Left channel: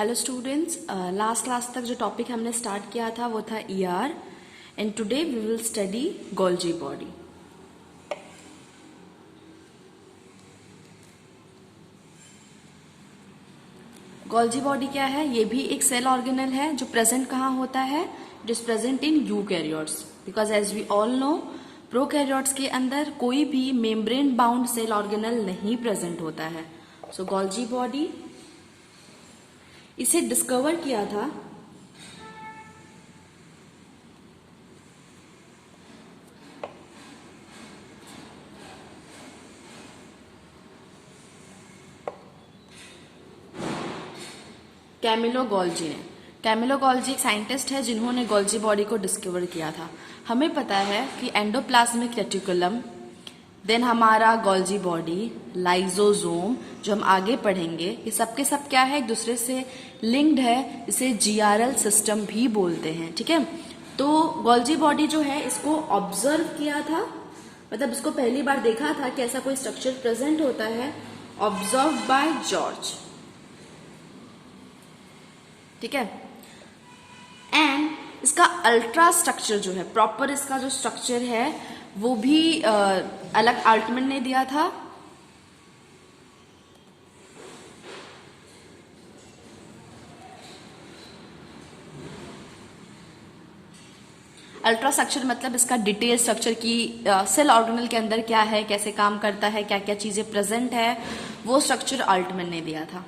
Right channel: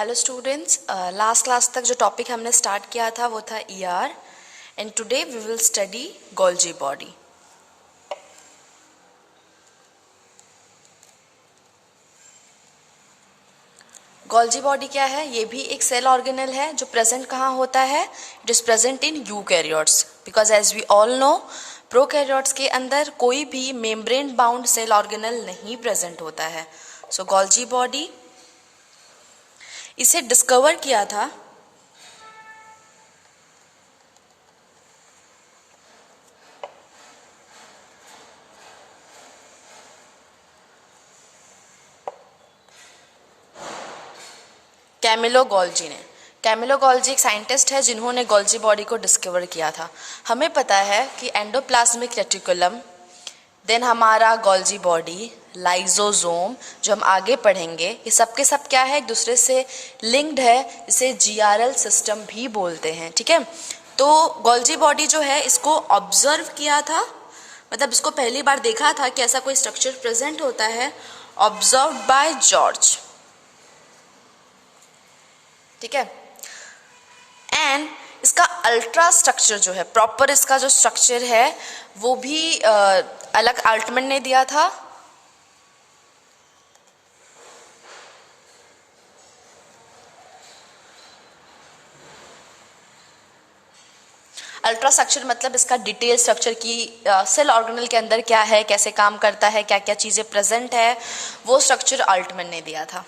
Hello students, last class तक जो topic हमने स्टार्ट किया था वो था ER and today we will study Golgi body. Golgi body क्या है? ये भी एक सेल ऑर्गेनल है जो प्रेजेंट कहाँ होता है? It is present in eukaryotes because as we all know prokaryotes के अंदर कोई भी मेम्ब्रेन बाउंड सेल ऑर्गेनल नहीं प्रेजेंट होता है। सो गोल्जी बॉडी इसे डिस्कवर किया था कैमिलो गोल्जी ने। कैमिलो गोल्जी एक साइंटिस्ट है जिन्होंने गोल्जी बॉडी को डिस्कवर किया था। हमें पता है कि एंडोप्लाज्मिक रेटिकुलम, देन हमारा गोल्जी बॉडी, लाइजोसोम जो हम आगे पढ़ेंगे, ये सब के सब क्या है? एक दूसरे से लिंक्ड है। इसे जीआरएल सिस्टम भी बोलते हैं। ठीक है, तो गोल्जी बॉडी जो है इसको ऑब्जर्व किया था, मतलब इसको पहली बार देखा था कि ऐसा कोई स्ट्रक्चर प्रेजेंट होता है, ऑब्जर्व बाय जॉर्ज। ठीक है, एंड इसका अल्ट्रा स्ट्रक्चर जो है, प्रॉपर इसका जो स्ट्रक्चर है वो भी अलग अल्टमैन ने दिया था। अल्ट्रा स्ट्रक्चर मतलब इसका डिटेल स्ट्रक्चर की सेल ऑर्गेनल के अंदर क्या है, कैसे काम करता है, क्या क्या चीज़ें प्रेजेंट है, वो स्ट्रक्चर अल्टमैन ने दिया था।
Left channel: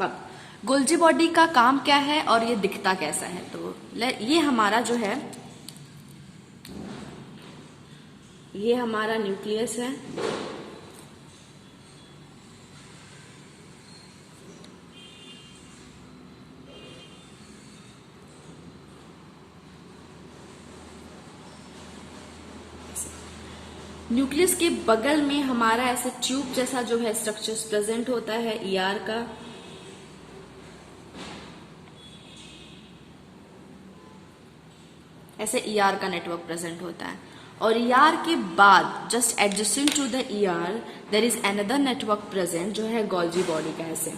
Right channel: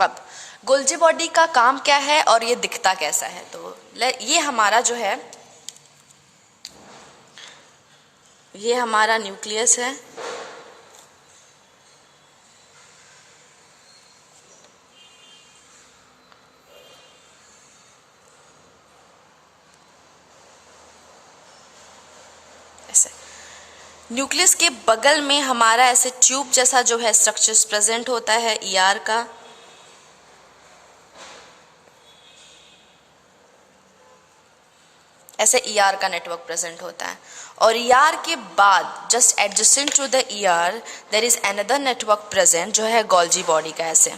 अब गोल्जी बॉडी का काम क्या है और ये दिखता कैसा है? तो ये हमारा जो है, ये हमारा न्यूक्लियस है। ऐसे न्यूक्लियस के बगल में हमारा ऐसे ट्यूब जैसा जो है स्ट्रक्चर्स प्रेजेंट होता है ईआर का। ऐसे ईआर का नेटवर्क प्रेजेंट होता है और ईआर के बाद just adjacent to the ER there is another network present जो है गोल्जी बॉडी का। ऐसे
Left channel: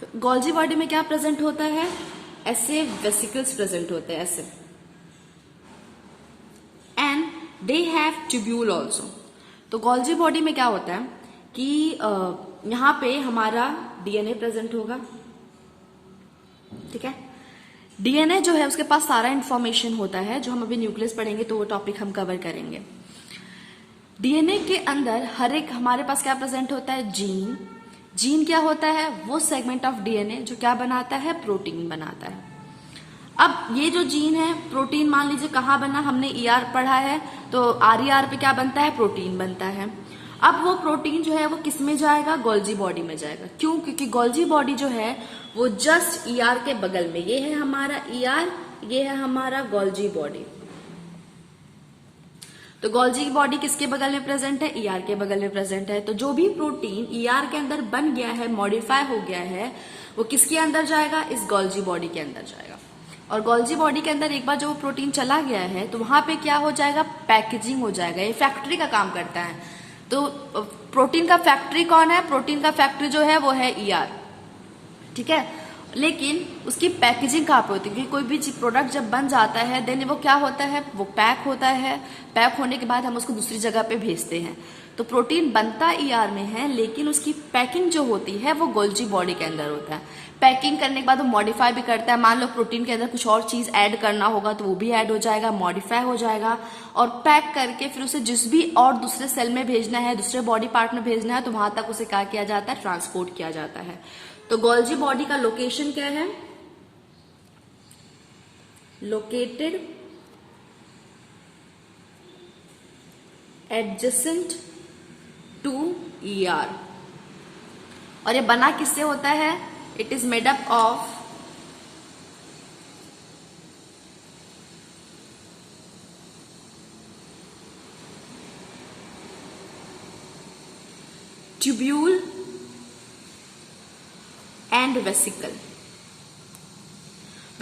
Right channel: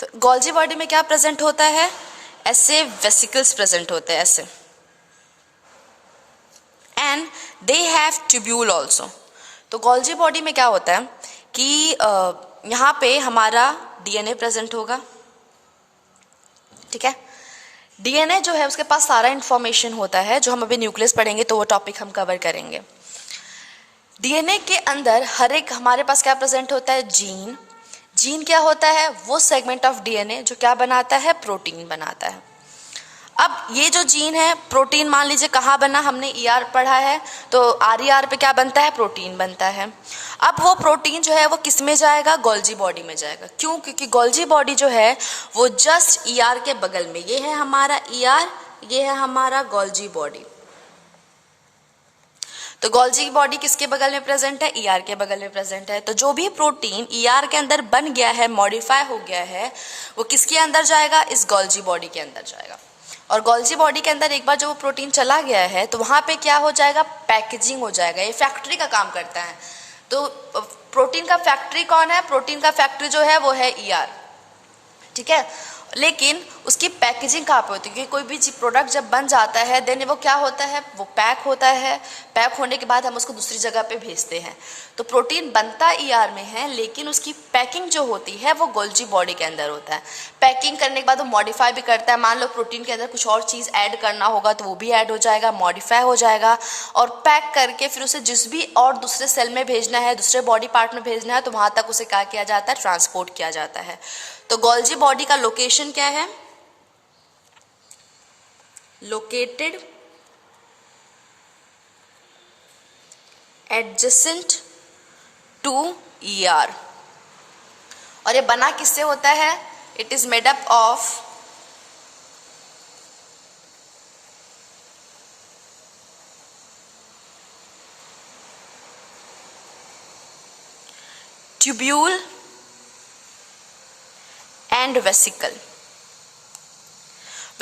तो गोल्जी बॉडी में क्या प्रेजेंट होता है? ऐसे वेसिकल्स प्रेजेंट होते हैं ऐसे, and they have tubule also. तो गोल्जी बॉडी में क्या होता है कि यहाँ पे हमारा डीएनए प्रेजेंट होगा। ठीक है, डीएनए जो है उसके पास सारा इंफॉर्मेशन होता है, जो हम अभी न्यूक्लियस पढ़ेंगे तो वो टॉपिक हम कवर करेंगे। डीएनए के अंदर हर एक हमारे पास क्या प्रेजेंट होता है? जीन। जीन क्या होता है? वो सेगमेंट ऑफ डीएनए जो क्या बनाता है? प्रोटीन बनाता है। अब ये जो जीन है, प्रोटीन मान लीजिए कहाँ बना, हमने ईआर पढ़ा है तो आरईआर पे क्या बनता है? प्रोटीन बनता है। अब वो प्रोटीन जो है वो किस में जाएगा? गोल्जी बॉडी में जाएगा। क्यों? क्योंकि गोल्जी बॉडी जो है वो जस्ट ईआर के बगल में, ये है हमारा ईआर, ये है हमारा गोल्जी बॉडी। तो गोल्जी बॉडी किसके बगल में प्रेजेंट है? ईआर के बगल में प्रेजेंट है। तो जो भी प्रोटीन ईआर के अंदर बन गया है, मॉडिफाई हो गया है, वो किसके अंदर जाएगा? इस गोल्जी बॉडी के अंदर जाएगा। और गोल्जी बॉडी के अंदर एक बार जो वो प्रोटीन चला गया है तो वहाँ पे क्या हो जाएगा? पैकेजिंग हो जाएगा। ये फैक्ट्री का काम करता है। तो प्रोटीन का फैक्ट्री कौन है? प्रोटीन का फैक्ट्री जो है वो है ईआर। ठीक है, लेकिन उसकी पैकेजिंग कहाँ पे होती है? क्योंकि कोई भी प्रोडक्ट जब बन जाता है देन वो क्या होता है? वो पैक होता है। पैक होने के बाद हम उसको दूसरी जगह पे भेजते हैं। तो प्रोटीन बनता ईआर में है, लेकिन उसकी पैकिंग जो होती है वो गोल्जी बॉडी के अंदर होता है। पैकिंग करने के बाद वो मॉडिफाई भी करता है। मान लो प्रोटीन के अंदर कुछ और चीज़ ऐड करना होगा तो वो भी ऐड हो जाएगा, मॉडिफाई हो जाएगा, और पैक करके फिर उसे जिस भी और दूसरे सेल में भेजना है, दूसरे बॉडी पार्ट में भेजना है, तो वहाँ तक उसे क्या किया जाता है? ट्रांसपोर्ट किया जाता है। तो गोल्जी बॉडी का लोकेशन क्या है? Located adjacent to ER. और ये बना किससे होता है? It is made up of tubule and vesicle.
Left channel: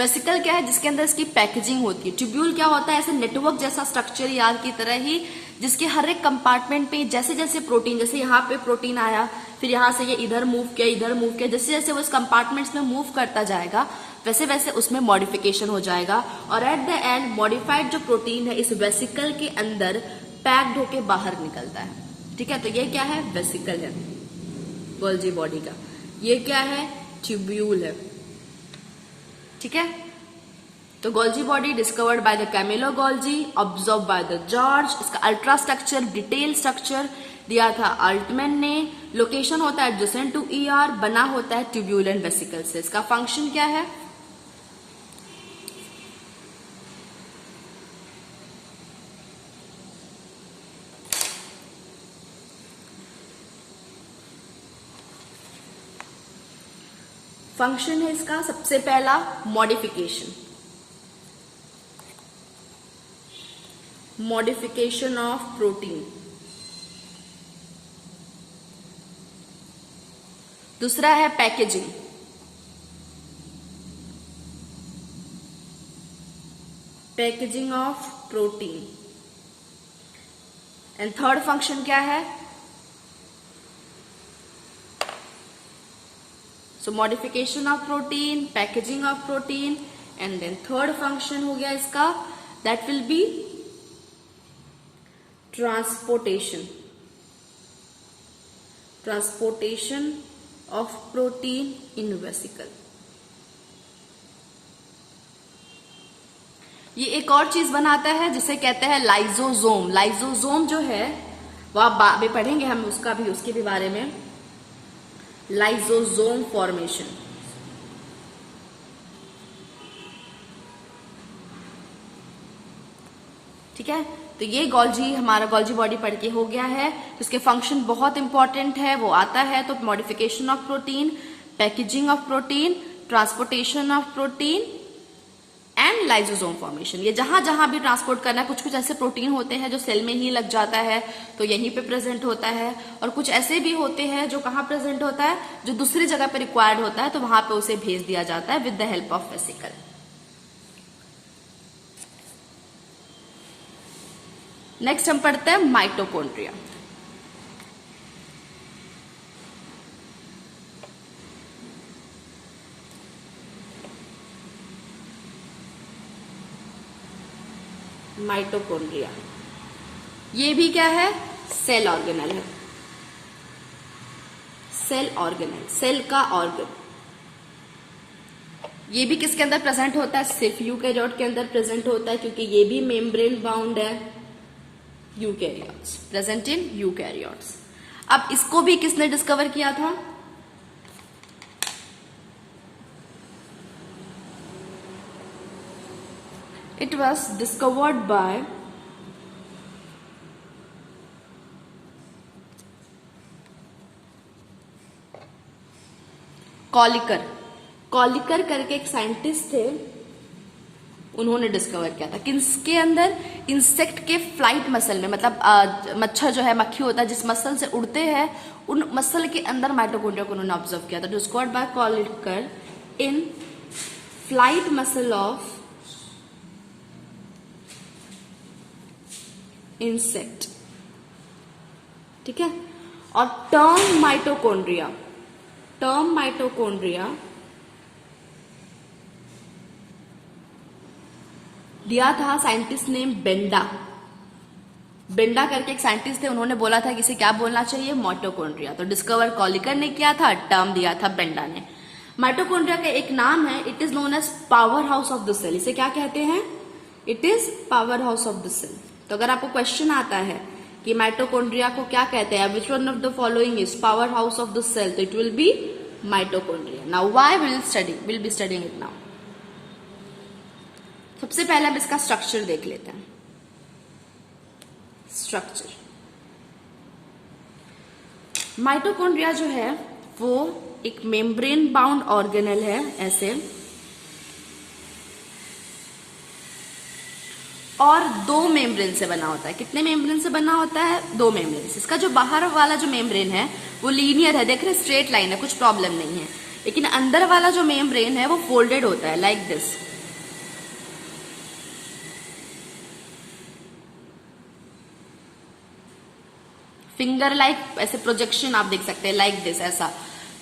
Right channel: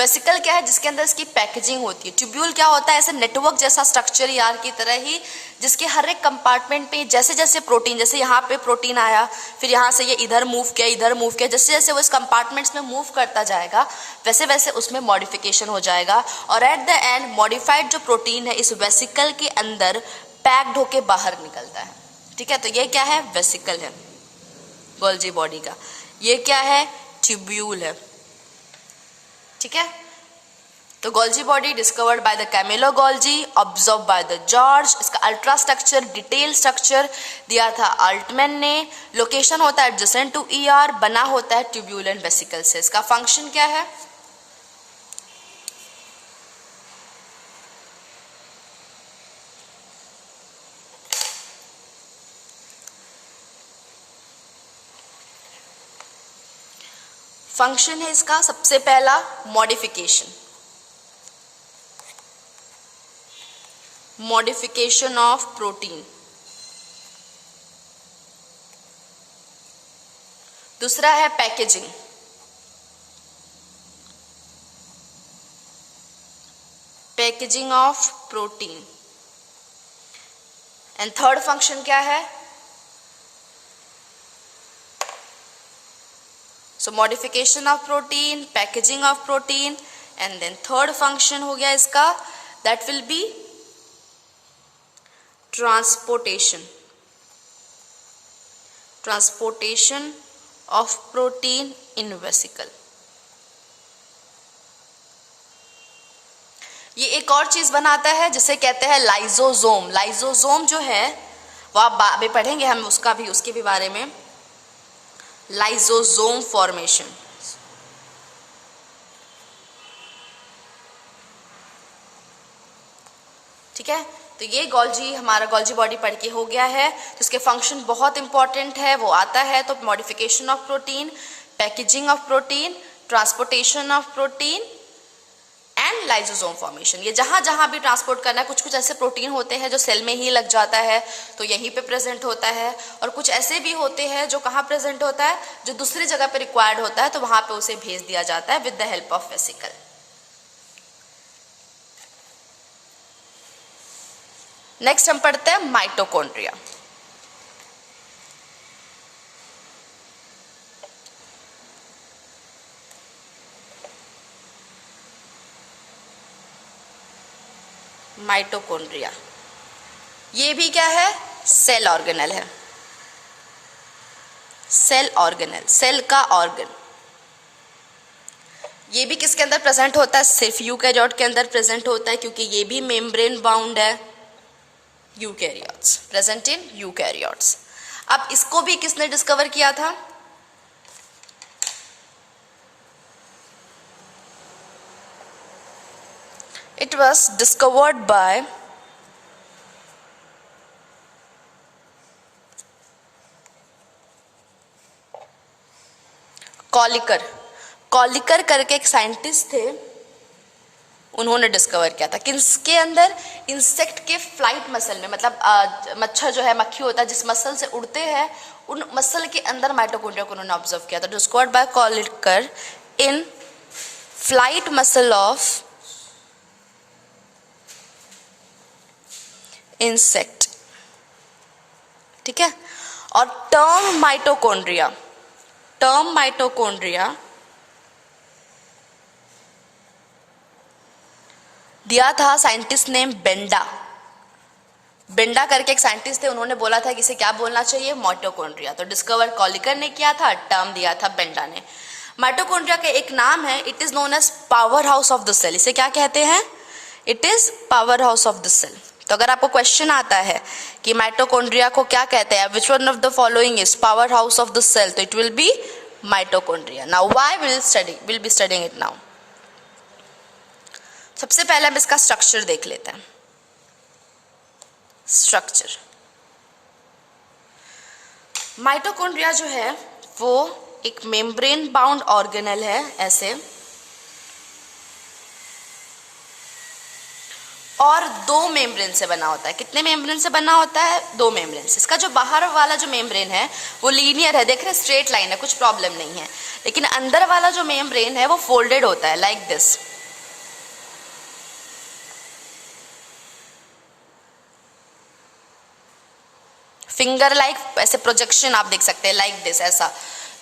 Vesicle क्या है, जिसके अंदर इसकी पैकेजिंग होती है। ट्यूब्यूल क्या होता है, ऐसे नेटवर्क जैसा स्ट्रक्चर यार की तरह ही, जिसके हर एक कंपार्टमेंट पे जैसे जैसे प्रोटीन, जैसे यहाँ पे प्रोटीन आया, फिर यहाँ से ये इधर मूव किया, इधर मूव किया, जैसे जैसे वो इस कंपार्टमेंट्स में मूव करता जाएगा वैसे वैसे उसमें मॉडिफिकेशन हो जाएगा, और एट द एंड मॉडिफाइड जो प्रोटीन है इस वेसिकल के अंदर पैक्ड होके बाहर निकलता है। ठीक है, तो ये क्या है, वेसिकल है गोल्जी बॉडी का। ये क्या है, ट्यूब्यूल है। ठीक है, तो Golgi body discovered by the Camillo Golgi, observe by the George. इसका अल्ट्रा स्ट्रक्चर, डिटेल स्ट्रक्चर दिया था अल्टमैन ने। लोकेशन होता है एडजेसेंट टू ईआर, बना होता है ट्यूब्यूल एंड वेसिकल से। इसका फंक्शन क्या है, फंक्शन है इसका सबसे पहला मॉडिफिकेशन, मॉडिफिकेशन ऑफ प्रोटीन। दूसरा है packaging, packaging of protein. And third function क्या है, so modification of protein, packaging of protein, and then third function हो गया इसका, that will be transportation, transportation of protein in vesicle. ये एक और चीज बनाता है जिसे कहते हैं लाइजोसोम। लाइजोसोम जो है वो आप बाद में पढ़ेंगे हम उसका भी, उसके भी बारे में। लाइजोसोम फॉर्मेशन, ठीक है। तो ये गोल्जी, हमारा गोल्जी बॉडी पढ़ के हो गया है। तो इसके फंक्शन बहुत इंपॉर्टेंट है, वो आता है तो modification of protein, packaging of protein, transportation of protein and lysosome formation. ये जहां जहां भी ट्रांसपोर्ट करना है, कुछ कुछ ऐसे प्रोटीन होते हैं जो सेल में ही लग जाता है तो यहीं पे प्रेजेंट होता है, और कुछ ऐसे भी होते हैं जो कहाँ प्रेजेंट होता है, जो दूसरी जगह पे रिक्वायर्ड होता है तो वहां पे उसे भेज दिया जाता है with the help of vesicle. Next हम पढ़ते हैं माइटोकॉन्ड्रिया। माइटोकॉन्ड्रिया ये भी क्या है, सेल ऑर्गेनल है। सेल ऑर्गेनल, सेल का ऑर्गन। ये भी किसके अंदर प्रेजेंट होता है, सिर्फ यूकैरियोट के अंदर प्रेजेंट होता है, क्योंकि ये भी मेम्ब्रेन बाउंड है। Eukaryotes, present in eukaryotes. अब इसको भी किसने डिस्कवर किया था, it was discovered by कॉलिकर। कॉलिकर करके एक साइंटिस्ट थे, उन्होंने डिस्कवर किया था। किसके अंदर, इंसेक्ट के फ्लाइट मसल में, मतलब मच्छर जो है, मक्खी होता है, जिस मसल से उड़ते हैं उन मसल के अंदर माइटोकॉन्ड्रिया को उन्होंने ऑब्जर्व किया था। Discovered by Kolliker in flight muscle of insect, ठीक है। और टर्म माइटोकॉन्ड्रिया दिया था साइंटिस्ट नेम बेंडा। बेंडा करके एक साइंटिस्ट थे, उन्होंने बोला था कि इसे क्या बोलना चाहिए, माइटोकॉन्ड्रिया। तो डिस्कवर कॉलिकर ने किया था, टर्म दिया था बेंडा ने। माइटोकॉन्ड्रिया का एक नाम है, it is known as power house of the cell. इसे क्या कहते हैं, it is power house of the cell. तो अगर आपको क्वेश्चन आता है कि माइटोकॉन्ड्रिया को क्या कहते हैं, which one of the following is power house of the cell, तो it will be mitochondria. Now why will be studying it now. सबसे पहले हम इसका स्ट्रक्चर देख लेते हैं। स्ट्रक्चर, माइटोकॉन्ड्रिया जो है वो एक मेम्ब्रेन बाउंड ऑर्गेनल है ऐसे, और दो मेम्ब्रेन से बना होता है। कितने मेम्ब्रेन से बना होता है, दो मेम्ब्रेन से। इसका जो बाहर वाला जो मेम्ब्रेन है वो लीनियर है, देख रहे, स्ट्रेट लाइन है, कुछ प्रॉब्लम नहीं है। लेकिन अंदर वाला जो मेम्ब्रेन है वो फोल्डेड होता है लाइक दिस। फिंगर लाइक ऐसे प्रोजेक्शन आप देख सकते हैं लाइक दिस, ऐसा,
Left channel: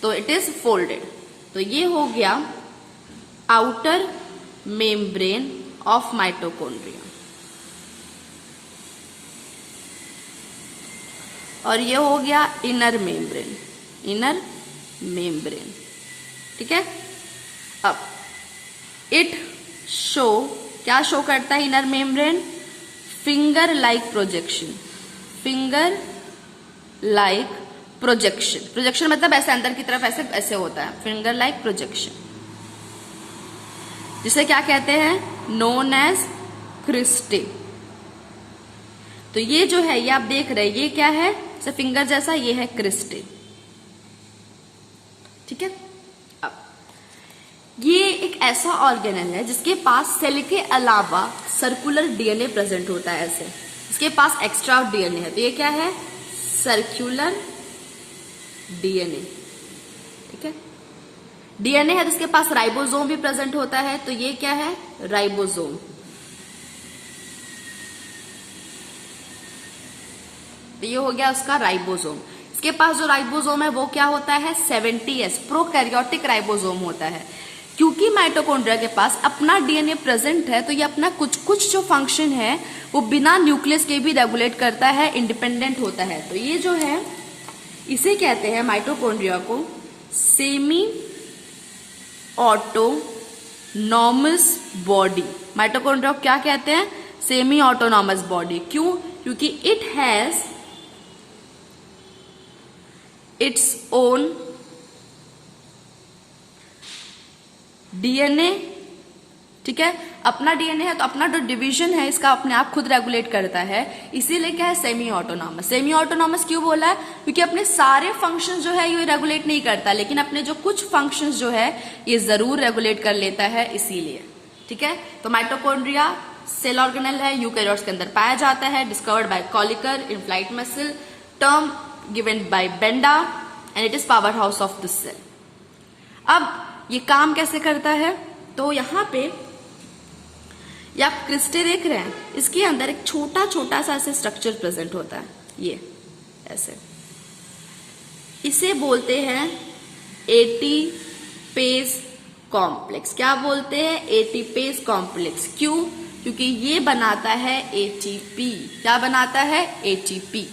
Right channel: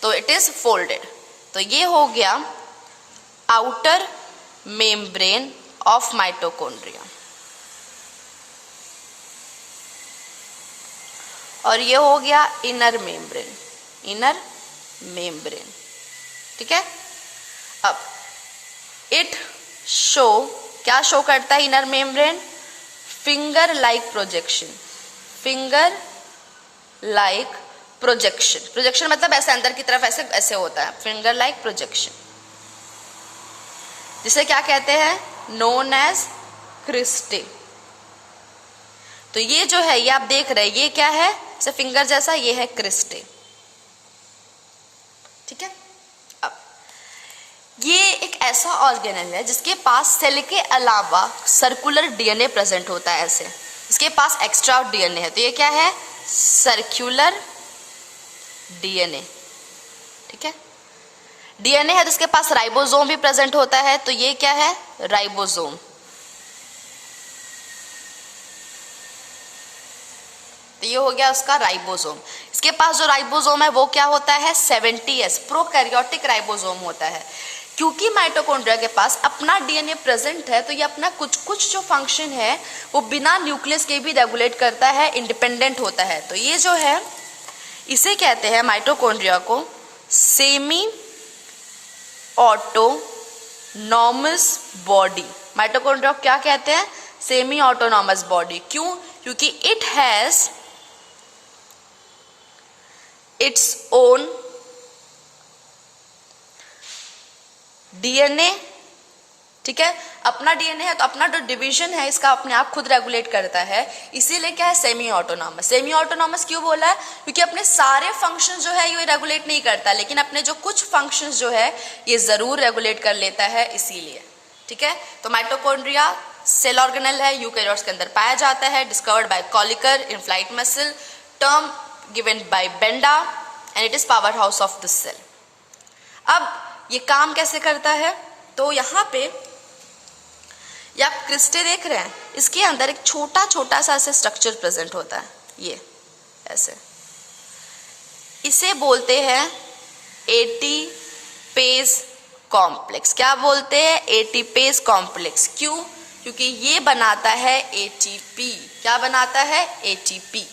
तो इट इज फोल्डेड। तो ये हो गया आउटर मेम्ब्रेन ऑफ माइटोकॉन्ड्रिया। और ये हो गया इनर मेम्ब्रेन, इनर मेम्ब्रेन, ठीक है। अब इट शो, क्या शो करता है inner membrane? Finger like projection, finger like projection. Projection मतलब ऐसे अंदर की तरफ ऐसे ऐसे होता है, फिंगर लाइक प्रोजेक्शन, जिसे क्या कहते हैं? Known as cristae. तो ये जो है, ये आप देख रहे हैं, ये क्या है? जैसे फिंगर जैसा, ये है क्रिस्टे, ठीक है। अब ये एक ऐसा ऑर्गेनल है जिसके पास सेल के अलावा सर्कुलर डीएनए प्रेजेंट होता है ऐसे, इसके पास एक्स्ट्रा डीएनए है। तो ये क्या है? सर्कुलर डीएनए, ठीक है। डीएनए है जिसके पास राइबोसोम भी प्रेजेंट होता है, तो ये क्या है? राइबोसोम। तो ये हो गया उसका राइबोसोम। इसके पास जो राइबोसोम है वो क्या होता है? 70S प्रोकैरियोटिक राइबोसोम होता है। क्योंकि माइटोकॉन्ड्रिया के पास अपना डीएनए प्रेजेंट है, तो ये अपना कुछ कुछ जो फंक्शन है वो बिना न्यूक्लियस के भी रेगुलेट करता है, इंडिपेंडेंट होता है। तो ये जो है, इसे कहते हैं माइटोकॉन्ड्रिया को सेमी ऑटोनॉमस बॉडी। माइटोकॉन्ड्रिया को क्या कहते हैं? Semi autonomous body. क्यों? क्योंकि it has its own DNA, ठीक है। अपना डीएनए है तो अपना जो डिवीजन है इसका अपने आप खुद रेगुलेट करता है, इसीलिए क्या है? Semi autonomous. सेमी ऑटोनॉमस क्यों बोला है? क्योंकि अपने सारे फंक्शंस जो है ये रेगुलेट नहीं करता, लेकिन अपने जो कुछ फंक्शंस जो है ये जरूर रेगुलेट कर लेता है, इसीलिए, ठीक है। तो माइटोकॉन्ड्रिया सेल ऑर्गेनल है, यूकैरियोट्स के अंदर पाया जाता है, discovered by Kolliker in flight muscle, term given by Benda, and it is power house of this cell. अब ये काम कैसे करता है? तो यहाँ पे ये आप क्रिस्टे देख रहे हैं, इसके अंदर एक छोटा छोटा सा ऐसे स्ट्रक्चर प्रेजेंट होता है, ये ऐसे, इसे बोलते हैं एटीपेज कॉम्प्लेक्स। क्या बोलते हैं? ATPase complex. क्यों? क्योंकि ये बनाता है एटीपी। क्या बनाता है? एटीपी।